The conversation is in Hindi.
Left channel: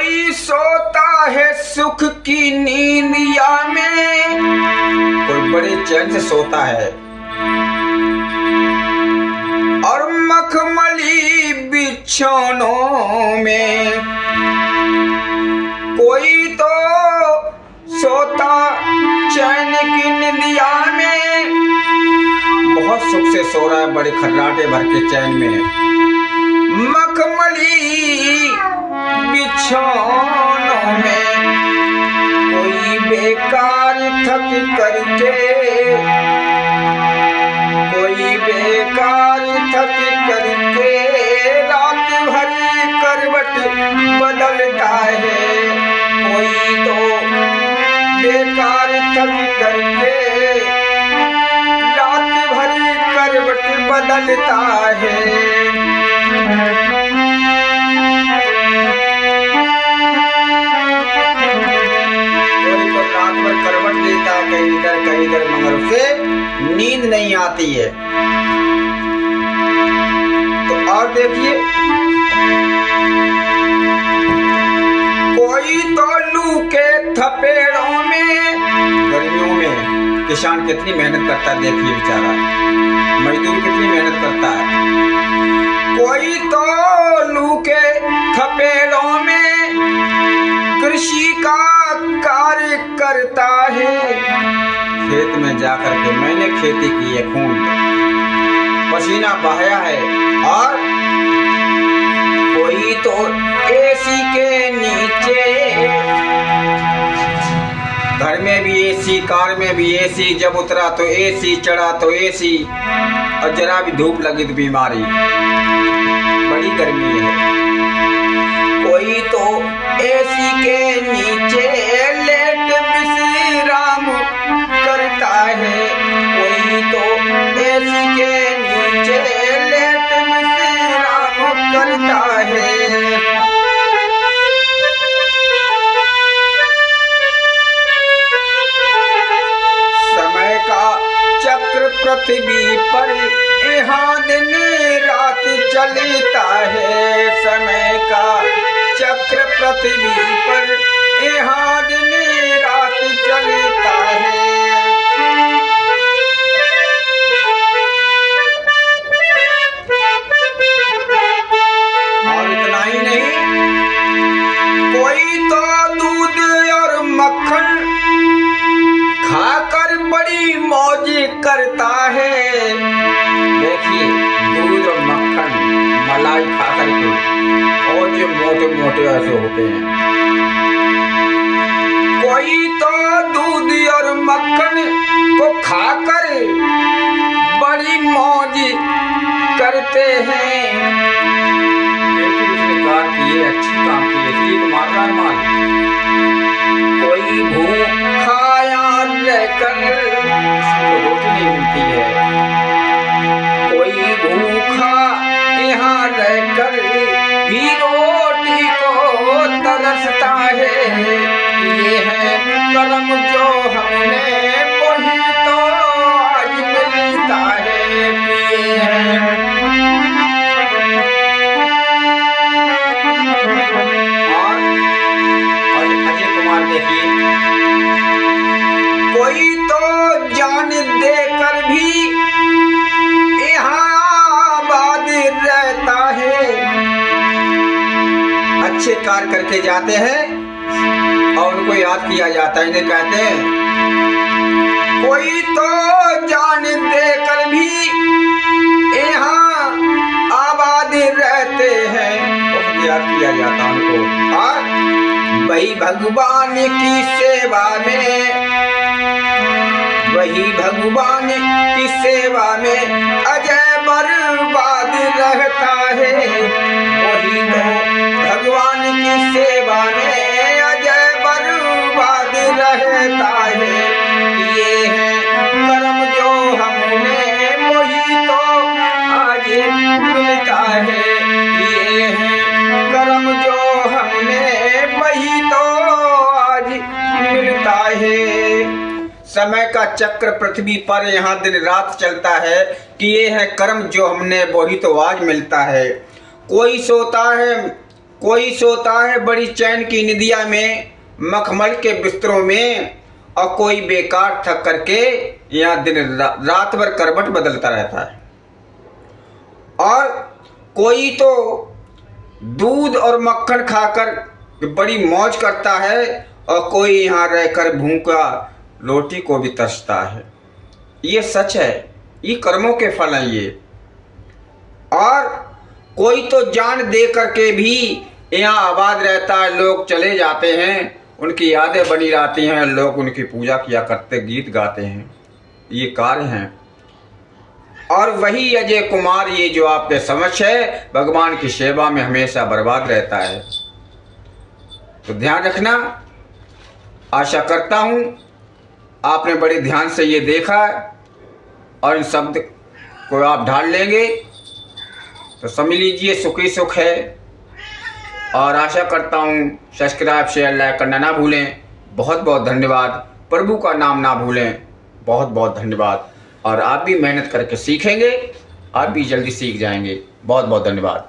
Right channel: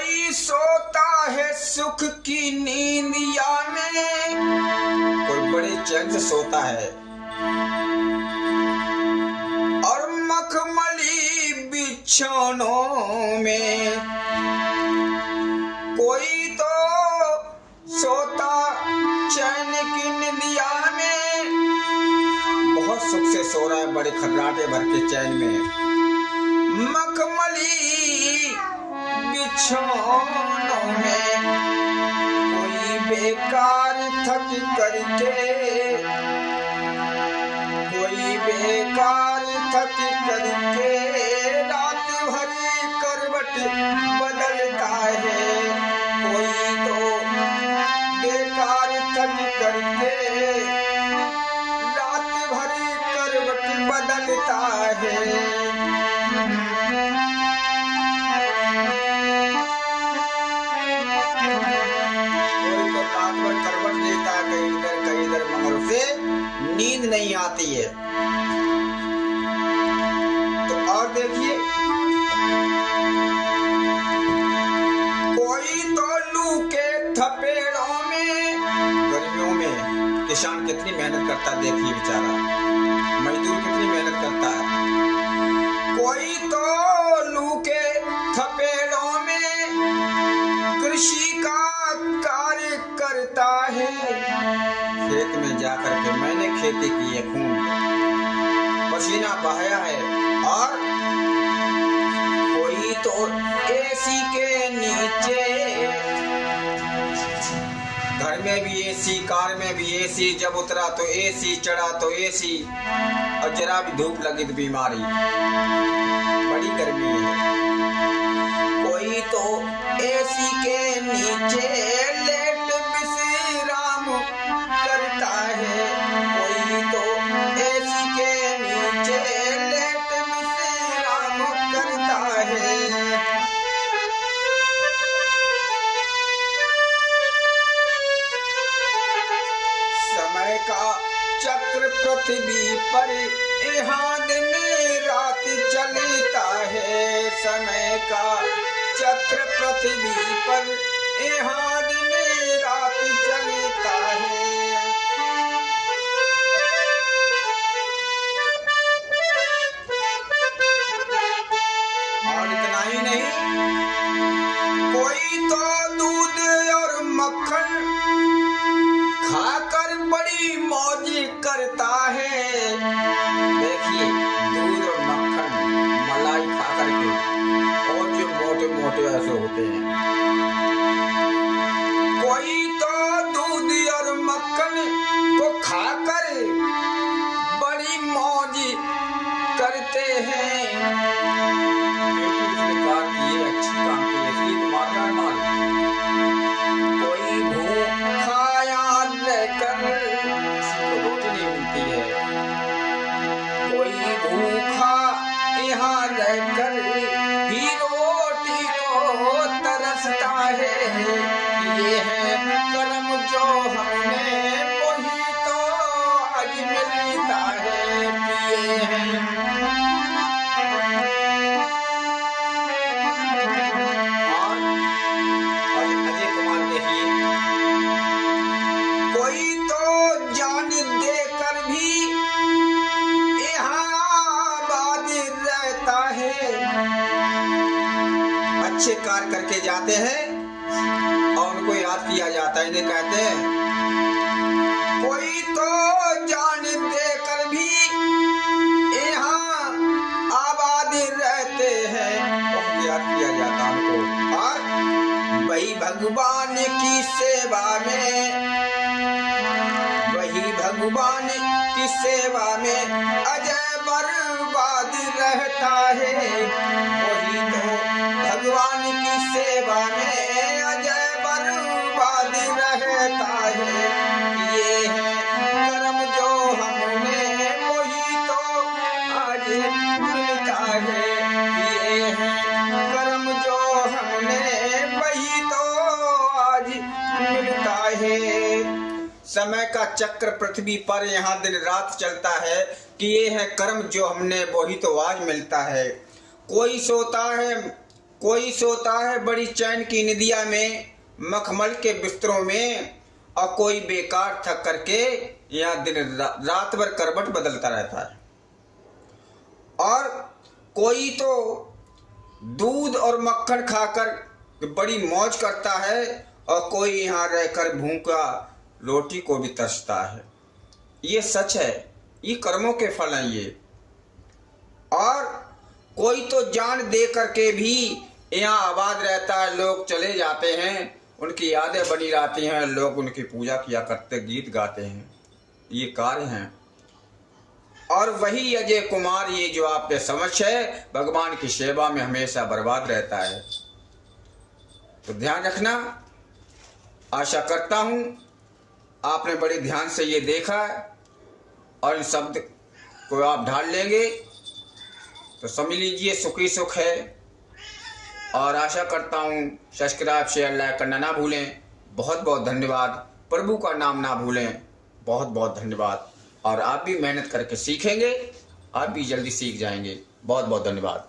कोई सोता है सुख की नींदिया में, कोई बड़े चैन से सोता है और मखमली बिछौनों में। कोई तो सोता चैन की निंदिया में, बहुत सुख से सो रहा है बड़े खर्राटे भर के चैन में। मखमली बिछौनों में कोई बेकार थक करके, कोई बेकार थक करके रात भरी करवट बदलता है। कोई तो बेकार थक करके रात भरी करवट बदलता है। कहीं इधर मगर उसे नींद नहीं आती है। तो और देखिए, कोई तो लू के थपेड़ों में, गर्मियों में किसान कितनी मेहनत करता है, देखिए बेचारा मजदूर कितनी मेहनत करता है। कोई तो लू के थपेड़ों में कृषि का कार्य करता है। खेत में जाकर के मैंने खेती की है, खून पसीना बहाया है। और कोई तो एसी के नीचे, घर में भी एसी, कार में भी एसी, जब उतरा तो एसी, चढ़ा तो एसी, और जरा भी धूप लगी तो बीमारी, बड़ी गर्मी है। कोई तो एसी के नीचे लेट विश्राम करता है। कोई तो एसी के नीचे लेट विश्राम करता है। समय का चक्र पृथ्वी पर यहाँ दिन रात चलता है। समय का चक्र पृथ्वी पर यहाँ दिन रात चलता है। और इतना ही नहीं, कोई तो दूध और मक्खन खाकर बड़ी मौज करता है। देखिए दूध और मक्खन, मलाई खाकर के, और जो मोटे मोटे ऐसे होते हैं। कोई तो दूध और मक्खन को खाकर बड़ी मौज करते हैं। उसने कहा कि ये अच्छी काम की है, इसलिए तो मार रहा है माल। कोई भूखा रहकर रोटी नहीं मिलती है। कोई भूखा यहाँ रहकर भी रोटी को तरसता है। ये है कर्म जो हमने वही तो आज मिलता है। ये है और अजय कुमार देखिए, कोई तो जान देकर भी यहाँ आबाद रहता है। अच्छे कार्य करके जाते हैं और उनको याद किया जाता है, इन्हें कहते हैं। कोई तो जान देकर भी यहाँ आबाद रहते हैं, बहुत याद किया जाता है उनको। और वही भगवान की सेवा में, वही भगवान की सेवा में अजय बर्बाद रहता है। वही तो भगवान की सेवा में अजय बर्बाद रहता है। ये है कर्म जो हमने वही तो आज मिलता है। ये है कर्म जो हमने वही तो आज मिलता है। समय का चक्र पृथ्वी पर यहाँ दिन रात चलता है, किए हैं कर्म जो हमने वही तो आज मिलता है। कोई सोता है कोई सोता है बड़ी चैन की निदिया में, मखमल के बिस्तरों में, और कोई बेकार थक करके यहाँ दिन रात भर करवट बदलता रहता है। और कोई तो दूध और मक्खन खाकर बड़ी मौज करता है, और कोई यहाँ रहकर भूखा रोटी को भी तरसता है। ये सच है, ये कर्मों के फल हैं ये। और कोई तो जान दे करके भी यहाँ आबाद रहता है, लोग चले जाते हैं, उनकी यादें बनी रहती हैं, लोग उनकी पूजा किया करते, गीत गाते हैं, ये कार्य हैं। और वही अजय कुमार ये जो आपके समक्ष है, भगवान की सेवा में हमेशा बर्बाद रहता है। तो ध्यान रखना। आशा करता हूँ आपने बड़े ध्यान से ये देखा और इन शब्द को आप ढाल लेंगे, तो समझ लीजिए सुखी सुख है। और आशा करता हूँ सब्सक्राइब शेयर लाइक करना ना भूलें। बहुत बहुत धन्यवाद। प्रभु का नाम ना भूलें। बहुत बहुत धन्यवाद। और आप भी मेहनत करके सीखेंगे, आप भी जल्दी सीख जाएंगे। बहुत बहुत धन्यवाद।